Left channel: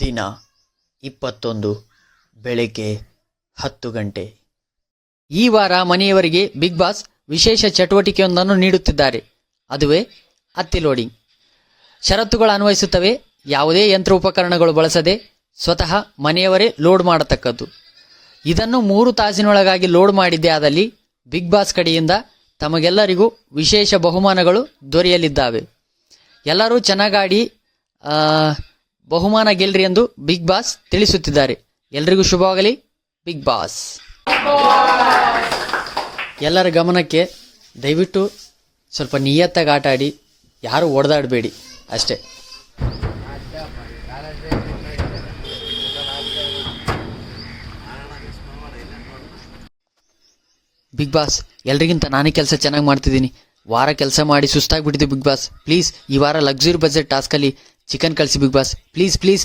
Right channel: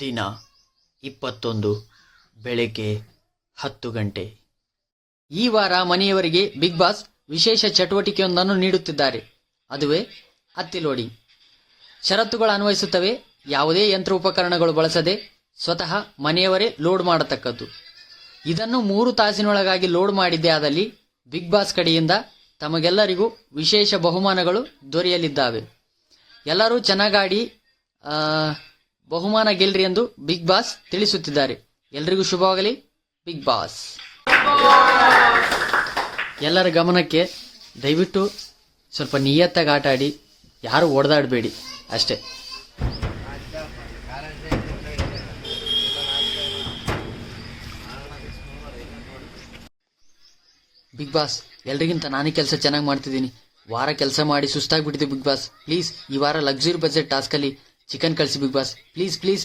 ದಿನ 21 ಬೆಳಗ್ಗೆ 10 ಗಂಟೆ. ಈ ವಾರ ಮನೆಯವರಿಗೆ ಬಿಗ್ ಬಾಸ್ ವಿಶೇಷ ಚಟುವಟಿಕೆಯೊಂದನ್ನು ನೀಡುತ್ತಿದ್ದಾರೆ. ಅದುವೇ ಹತ್ತಿ ಲೋಡಿಂಗ್. ಷರತ್ತುಗಳು ಅನ್ವಯಿಸುತ್ತವೆ. ಯಾವುದೇ ಯಂತ್ರ ಉಪಕರಣಗಳು ಬಳಸದೆ ಸ್ವತಃ ಮನೆಯವರೇ ಲೋಡ್ ಮಾಡತಕ್ಕದ್ದು. ಇದನ್ನು 3 ತಾಸಿನೊಳಗಾಗಿ ಲೋಡ್ ಮಾಡಿದ್ದೇ ಆದಲ್ಲಿ ಬಿಗ್ ಬಾಸ್ ಕಡೆಯಿಂದ ತಮಗೆಲ್ಲರಿಗೂ ವಿಶೇಷ ಬಹುಮಾನಗಳು ದೊರೆಯಲಿದ್ದಾವೆ. ಎಲ್ಲರೂ ಚೆನ್ನಾಗಾಡಿ ಬಹುಮಾನ ಗೆಲ್ರಿ ಎಂದು ಬಿಗ್ ಬಾಸ್ ತಿಳಿಸುತ್ತಿದ್ದಾರೆ. ಎಲ್ರಿಗೂ ಶುಭವಾಗಲಿ. ಬಿಗ್ ಬಾಸ್ ಎಲ್ಲರ ಗಮನಕ್ಕೆ, ದಯವಿಟ್ಟು ಸ್ವಲ್ಪ ನಿಯತ್ತಾಗಿ ಆಟ ಆಡಿ, ಯಾರು ಹೊಡೆದಾಡಬೇಡಿ ಅಷ್ಟೇ. ಬಿಗ್ ಬಾಸ್ ಎಲ್ರಿಗಿಂತ ನಾನೇ ಕೆಲಸ ಚೆನ್ನಾಗಿ ಮಾಡ್ತಿದ್ದೀನಿ. ವಾರ ಕೆಲಸ ಮಾಡಿ ಸುಸ್ತಾಗ್ಬಿಟ್ಟಿದೆ ಬಿಗ್ ಬಾಸ್. ಪ್ಲೀಸ್ ಈ ವಾರ ಲಕ್ಸುರಿ ಬಜೆಟ್ ಟಾಸ್ಕಲ್ಲಿ ಚಿಕನ್ ಕಳಿಸಿ ಬಿಗ್ ಬಾಸ್. Please please.